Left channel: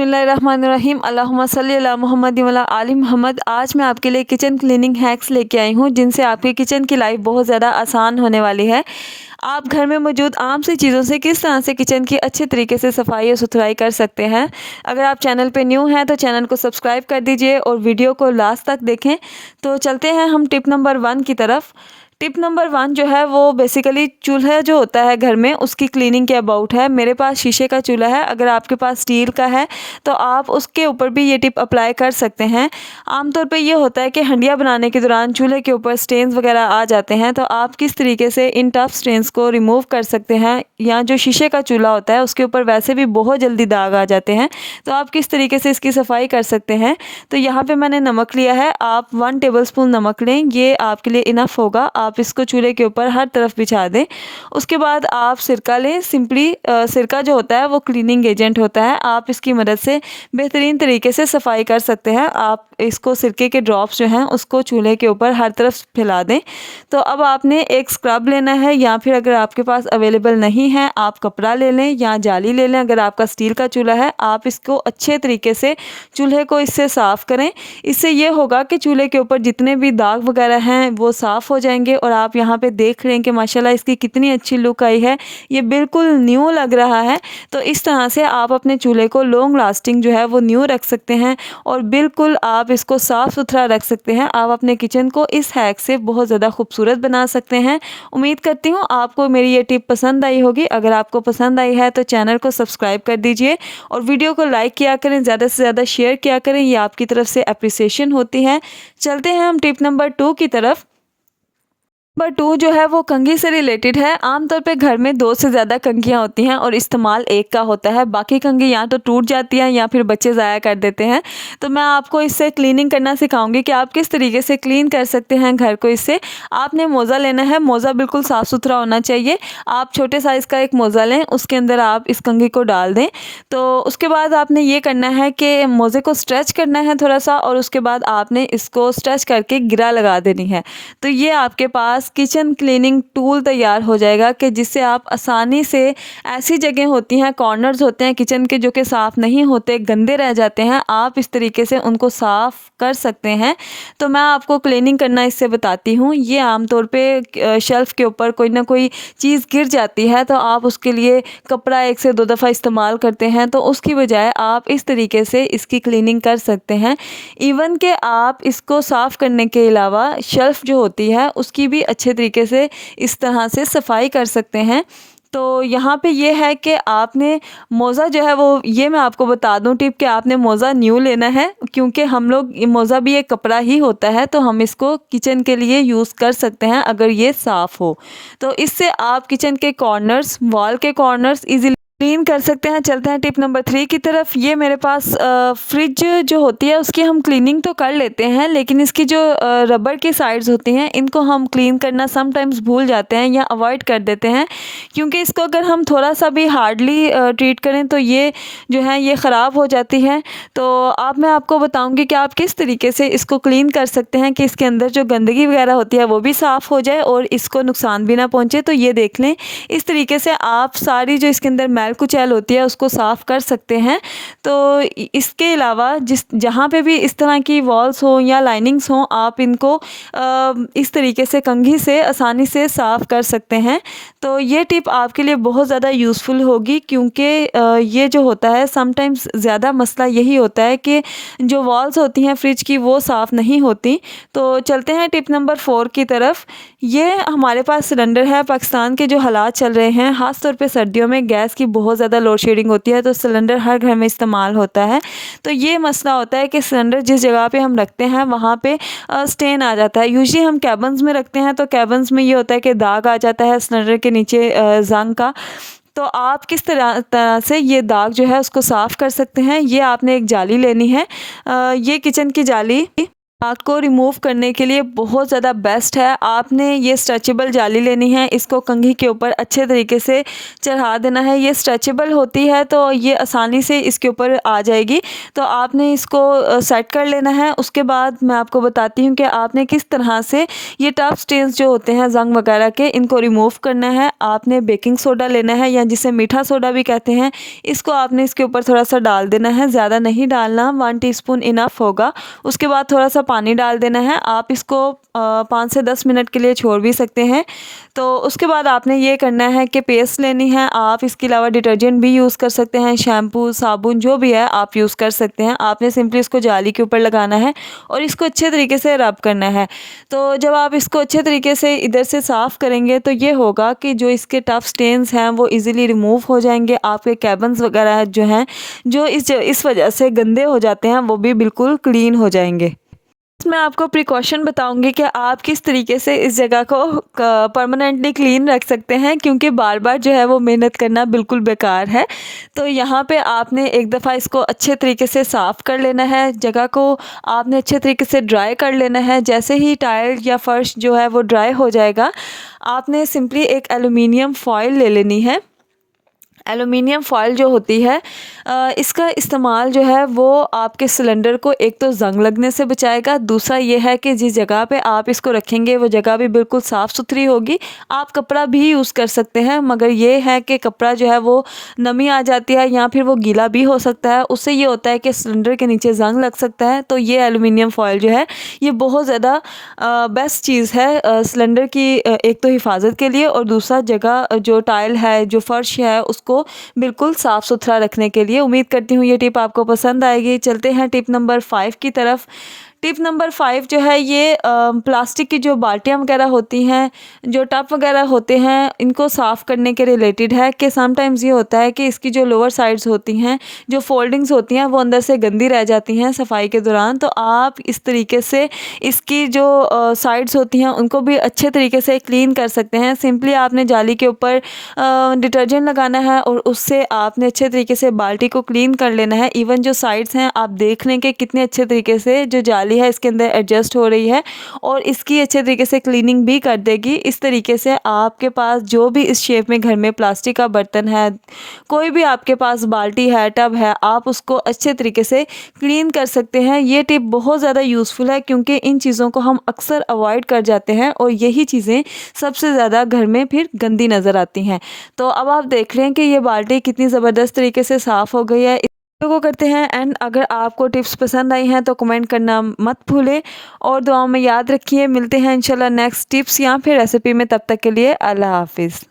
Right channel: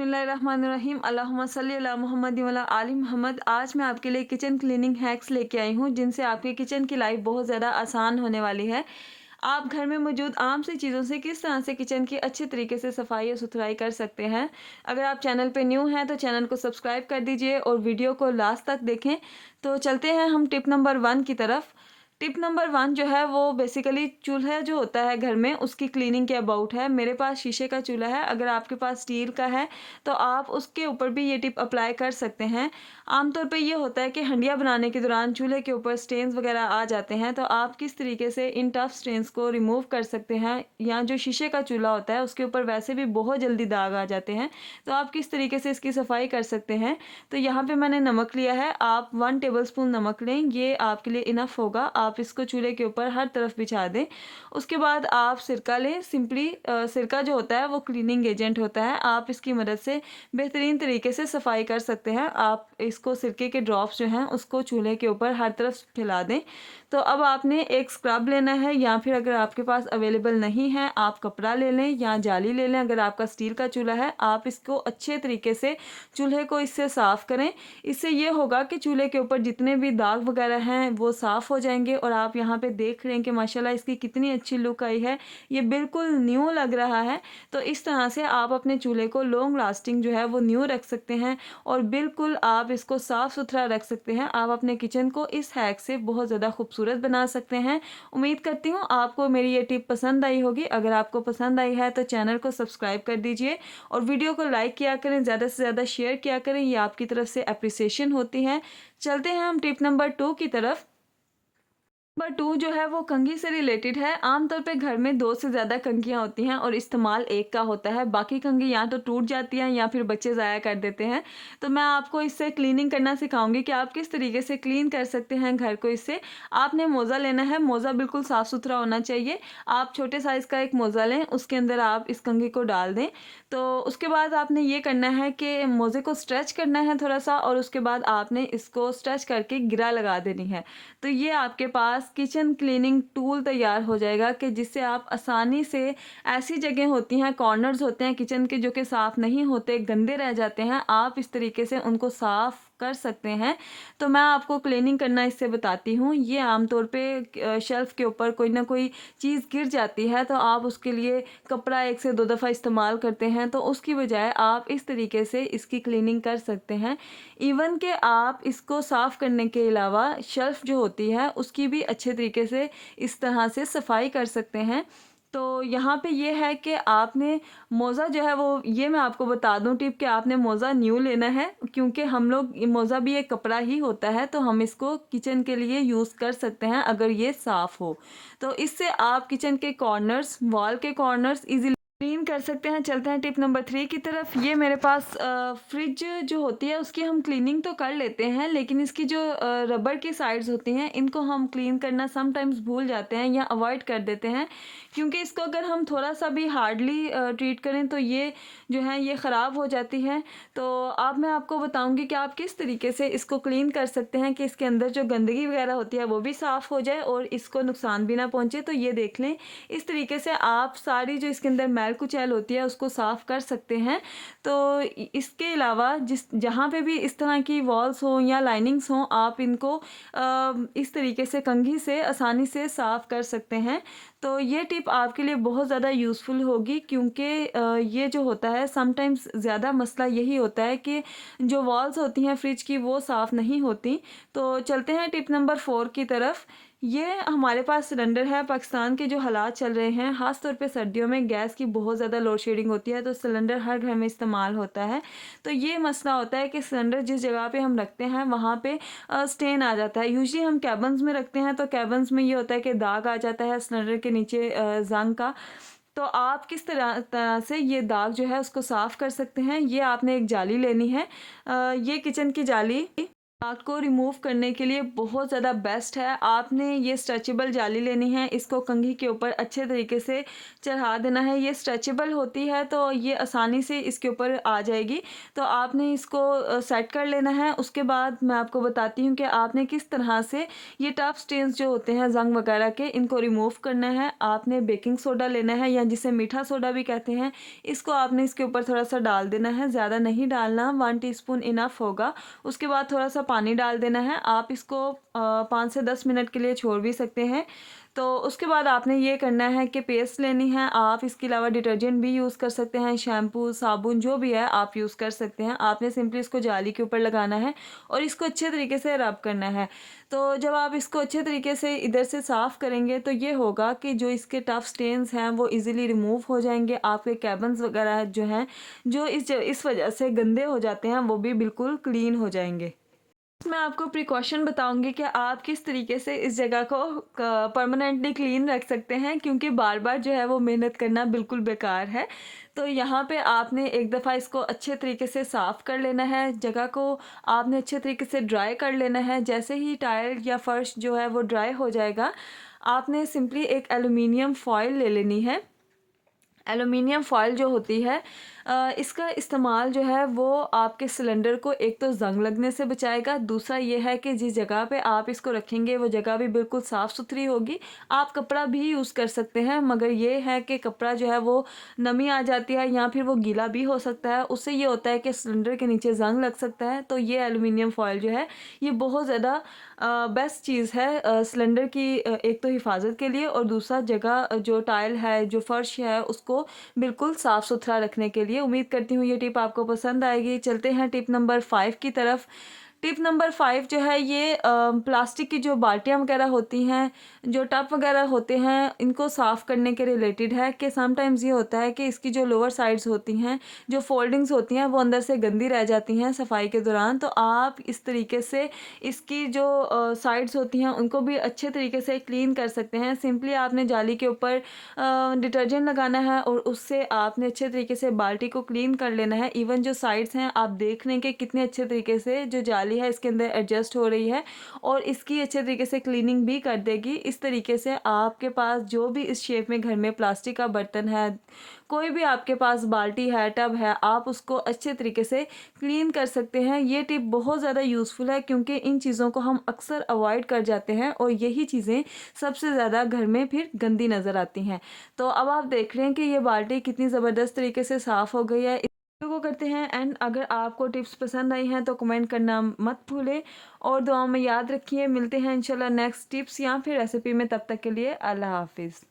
बिस्मिल्लाहिर्रहमानिर्रहीम अल्लाहुम्मा सल्ली अला मुहम्मद व अला आलि मुहम्मद। आज मैं आपके लिए किचन क्लीनिंग हैक्स लेके आई हूँ जिनसे आपकी किचन की लाइफ बहुत ज़्यादा आसान होने वाली है। आप घर में मौजूद आम सी चीज़ों से किस तरह से किचन की अच्छे तरीके से सफाई और सुथराई कर सकते हैं। अगर आप चैनल पे न्यू हैं तो चैनल को सब्सक्राइब कर दीजिए और वीडियो को लास्ट तक देखें। तो चलते हैं हम टिप नंबर 1 की तरफ। टिप नंबर 1 जो है वो बेसिकली चूल्हा जो होता है घर में उसकी क्लीनिंग के अबाउट है। मेरे पास शीशे का चूल्हा है, अगर आपके पास स्टील का है तो आप उसके ऊपर भी ये टिप अप्लाई कर सकते हैं। आमतौर पे ये होता है कि हंडिया बनाने के दौरान चूल्हे के ऊपर स्टेन्स वगैरह आ जाते हैं, तो आप किस तरीके से इन टफ स्टेन्स को रिमूव कर सकते हैं। या जो शीशे का चूल्हा होता है उसके ऊपर वैसे भी बहुत जल्दी दाग आ जाते हैं, तो आप किस तरीके से इसकी सफाई कर सकते हैं। तो यहाँ पे मैंने नमक लिया है, आप 1 टेबलस्पून नमक लें, ये आपके लिए इनफ होगा। आप इसको चूल्हे के ऊपर हर तरफ बिछा दें। उसके बाद आप सिरका लें। सिंपली सिरका जो होता है वो क्लीनिंग एजेंट होता है, आप इसकी मदद से बेहतरीन तरीके से सफाई कर सकते हैं। आप इसको सिरके के ड्रॉप्स जो हैं उसको चूल्हे के ऊपर हर तरफ फैला दें। तो अब आपने एक स्क्रब लेना है, या फिर अगर आपके पास अवेलेबल नहीं है आप कपड़ा ले लें या जाली ले लें। अगर आपका स्टील का चूल्हा है आप इसको अच्छे तरीके से चूल्हे को इससे साफ़ करें। इससे ये होगा कि चूल्हे के ऊपर जितने भी दाग वगैरह हैं वो साफ़ हो जाएंगे। और आप यहाँ पे देख रहे हैं कि माशाल्लाह इसकी कितनी अच्छी लुक आई है, ये बिल्कुल न्यू लग रहा है। तो इस तरह से आप अपने चूल्हे को लॉन्ग लास्टिंग जो है वो न्यू रख सकते हैं और बिल्कुल आप इसको साफ़ सुथरा रख सकते हैं। आप अपने किचन को इस हैक से बहुत ज़्यादा खूबसूरत बना सकते हैं। उम्मीद करती हूँ आपको मेरी ये टिप पसंद आई होगी। अगर आपको पसंद आई है तो चैनल को सब्सक्राइब कर दीजिए और वीडियो को लाइक किया करें, ज़्यादा से ज़्यादा शेयर किया करें, ये आपकी तरफ से अप्रिसिएशन होती है। चलते हैं हम टिप नंबर 2 की तरफ। नंबर 2 जो है वो कंघी से रिलेटेड है। आमतौर पे घर में 2 से ज़्यादा कंघियाँ होती हैं और इस्तेमाल एक का होता है। बाकी कंघी या तो टूट जाती हैं या फिर बच्चे ज़ाया कर देते हैं। तो मैं आपको इससे क्लीनिंग करना सिखाऊंगी कि आप किस तरीके से क्लीन कर सकते हैं घर को। इससे आपने मोज़ा लेना है, मोज़ा बिल्कुल साफ़ सुथरा होना चाहिए। आप छोटे साइज़ का एक मोज़ा लें, उसके अंदर आप इस कंघी को डाल दें। तो उसके बाद आपने ये करना है कि मोज़े को स्ट्रेच करना है थोड़ा सा, और उसके बाद आपने इसको स्ट्रेच करके गिरा लगा देनी है। तो ये आपके पास किचन क्लीनिंग टूल तैयार हो जाएगा कि जिससे आप आसानी से ऐसी जगह होती हैं, कॉर्नर्स होते हैं किचन के जो कि साफ़ नहीं होते, गंदे रह जाते हैं, आप इस तरीके से उनको साफ़ कर सकते हैं। तो मैं आपको क्लीनिंग करना इससे बताती हूँ। ये आमतौर पे शेल्फ़ के ऊपर कोई ना कोई चीज़ गिर जाती है तो आप उसके लिए कपड़ा 1 से 2 दफ़ा इस्तेमाल करते हैं, तो उसकी बजाय आप इस तरीके से इसकी क्लीनिंग कर सकते हैं। इवन कि आप इसको साफ़ करने के अलावा शेल्फ़ जो होती है उसकी भी अच्छे तरीके से इस तरह से सफाई कर सकते हैं। तो यहाँ पे ये है कि आपने मोज़ा जो है वो, ये मैं आपको बता दूँ टिप कि आपने मोज़ा न्यू लेना है, क्योंकि हम लोग मोज़ा भी एक कपड़ा ही होता है, तो हम इसको किचन के लिए यूज़ कर सकते हैं अगर ये साफ़ हो। तो इससे आप किचन के कॉर्नर्स, वॉल के कॉर्नर्स ईज़िली क्लीन कर सकते हैं। चलते हैं टिप नंबर 3 की तरफ। ये मेरे पास फ्रिज जो होती है उसकी हम क्लीनिंग तो कर लेते हैं, लेकिन इसकी जो रबर की साइड्स होती हैं इनको हम क्लीन करना समटाइम्स भूल जाते हैं या अवॉइड कर देते हैं, क्योंकि इसको अगर हम थोड़ा सा भी हार्डली ट्रीट करें तो ये जो है ये ख़राब हो जाती है। तो अब मैं आपको बताऊँगी कि आप किस तरीके से इसको क्लीन कर सकते हैं कि इसके अंदर जो गंदगी वगैरह होती है वो भी साफ़ हो जाए और इसको नुकसान भी ना पहुँचे। तो ये देख लें, इस तरीके से आप सारी जो इसके अंदर मैल कुचैल होती है उसको साफ़ कर सकते हैं। तो इसके अलावा जहाँ पे भी इस तरह की वॉल्स हो या लाइनिंग्स हों, आप इनको इस तरीके से कंघी से आसानी से साफ़ कर सकते हैं। तो ये टिप आपके लिए बहुत ज़्यादा यूज़फुल होगी, क्योंकि ये जो होता है समटाइम्स ज़्यादा मसला यही होता है कि जो वॉल्स होती हैं फ्रिज की वो साफ़ नहीं होती। तो चलते हैं टिप नंबर 4 की तरफ। ये हमारे पास सिलेंडर है। पाकिस्तान के जो हालात चल रहे हैं, ख़ास तौर पे सर्दियों में गैस की बहुत ज़्यादा लोड शेडिंग होती है, तो सिलेंडर हर घर में इस्तेमाल होता है। तो ये मसला होता है कि सिलेंडर जिस जगह पे हम रखते हैं वहाँ पे स्टेन आ जाता है। यूजुअली हम कैबिन्स में रखते हैं, तो कैबिन्स में ये होता है कि दाग आ जाता है सिलेंडर के नीचे ज़ंग का। तो आप किस तरह से ये दाग जो है उसको साफ़ कर सकते हैं। ये आपने एक जाली लेनी है, ये किचन की जाली आग को रिमूव करने के लिए बहुत ज़्यादा बेस्ट है। आपने ये स्ट्रेचेबल जाली लेनी है, इसको कंघी के ऊपर अच्छे तरीके से चढ़ा देना है। ये स्ट्रेचेबल होती है तो ये आसानी से इसके ऊपर आ जाएगी। तो आपने इसको सेट कर लेना है। उसके बाद मैं आपको बताती हूँ कि आपने किस तरह से ये टफ स्टेन्स जो होते हैं ज़ंग वगैरह के, इनको रिमूव करना है। आपने बेकिंग सोडा लेना है या जिसे मीठा सोडा भी कहते हैं, इसको आपने इसके ऊपर थोड़ा सा डाल देना है, ज़्यादा नहीं डालना, 1 टीस्पून इनफ होगा। उसके बाद थोड़ा सा पानी डाल देना है। आप इसको 5 से 10 मिनट के लिए छोड़ भी सकते हैं। तो उसके बाद आपने ये करना है कि पेस्ट लेनी है। आप इसके अलावा डिटर्जेंट भी यूज़ कर सकते हैं, शैम्पू, साबुन जो भी है आप यूज़ कर सकते हैं। आपने सिंपली इसको जाली के ऊपर लगाना है और इसको अच्छे तरीके से रब करना है। तो जब आप इसको अच्छे तरीके से इधर से साफ़ करेंगे तो ये होगा कि जो इसके टफ स्टेन्स हैं वो ईज़िली रिमूव हो जाएंगे। आपके कैबन्स वगैरह जो हैं, जो इस वजह से गंदे हो जाते हैं, वो भी बिल्कुल क्लीन हो जाएंगे। मैं आपको प्रिकॉशन बताऊंगी कि आप किस तरीके से इस जगह को परमानेंटली क्लीन रख सकते हैं, क्योंकि बार बार जो है वो मेहनत करना बिल्कुल बेकार है। तो यहाँ पे आपने एक दफ़ा इसको अच्छे तरीके से साफ़ कर लेना है। जगह को आपने अच्छे तरीके से ड्राई कर लेना है। जैसे ही टाइल या फर्श जो है वो ड्राई हो जाएगा, आपने सिंपली एक एलुमिनियम फॉयल ले लेनी है। एलुमिनियम फॉयल जो होती है, इसका इस्तेमाल जो है वो आपके सिलेंडर को एक तो ज़ंग लगने से बचाएगा। दूसरा ये है कि जिस जगह पे आप इसको रखेंगे वो जगह भी बिल्कुल साफ़ सुथरी होगी। आप कपड़ा भी यूज़ कर सकते हैं, मगर ये है कि कपड़ा जो है वो नमी आ जाती है या फिर वो गीला भी हो सकता है। उससे ये होता है कि सिलेंडर के नीचे ज़ंग लग सकता है। तो ये एलुमिनियम फॉयल जो है ये बहुत ज़्यादा बेस्ट चीज़ है सिलेंडर की, एक तो हिफाजत के लिए, और दूसरा जगह जो टाइल है, जो फर्श है, उसको बिल्कुल साफ़ सुथरा रखने के लिए। उम्मीद करती हूँ ये टिप आपको पसंद आएगी। चलते हैं टिप नंबर 5 की तरफ। टिप नंबर 5 जो है ये प्लास्टिक की जो बाल्टियाँ वगैरह होती हैं, जो टब वगैरह होते हैं, इनको साफ़ करने के रिलेटेड है कि समटाइम्स ये होता है कि इसकी जो लोअर साइड्स होती हैं, जो फोल्डिंग्स होती हैं, वो अंदर से गंदी रह जाती हैं सफाई के दौरान। तो आप इस तरीके से इसकी जो साइड्स होती हैं उनको भी अच्छे तरीके से क्लीन कर सकते हैं। सिंपली आपने जाली के ऊपर डिटर्जेंट लगाना है और उससे आपने अच्छे तरीके से बाल्टी को क्लीन कर लेना है। इवन जो साइड्स हैं आप देख लें कि कितने अच्छे तरीके से जो जाली है इसके अंदर एडजस्ट हो रही है और इसकी अच्छे तरीके से क्लीनिंग भी कर देगी। इस तरीके से आपके पास जो भी इस शेप में घर में प्लास्टिक का बर्तन है, कोई भी आपके पास बाल्टी है, टब है, आप उसको अच्छे तरीके से क्लीन कर सकते हैं। ये टिप बहुत ज़्यादा यूज़फुल है क्योंकि इन चीज़ों को हम अक्सर अवॉइड कर जाते हैं और यही चीज़ें सबसे ज़्यादा घर में फिर गंदी नज़र आती हैं। तो अब आप देख रहे हैं कि ये बाल्टी कितनी ज़बरदस्त तरीके से साफ़ हो गई है। को करते हैं एंड अगर आपको टिप्स पसंद आई हैं तो कमेंट करना मत भूलें और दुआओं में याद रखिए। मिलते हैं इंशाल्लाह नेक्स्ट टिप्स या फिर रेसिपी में। तब तक के लिए अल्लाह हाफिज़।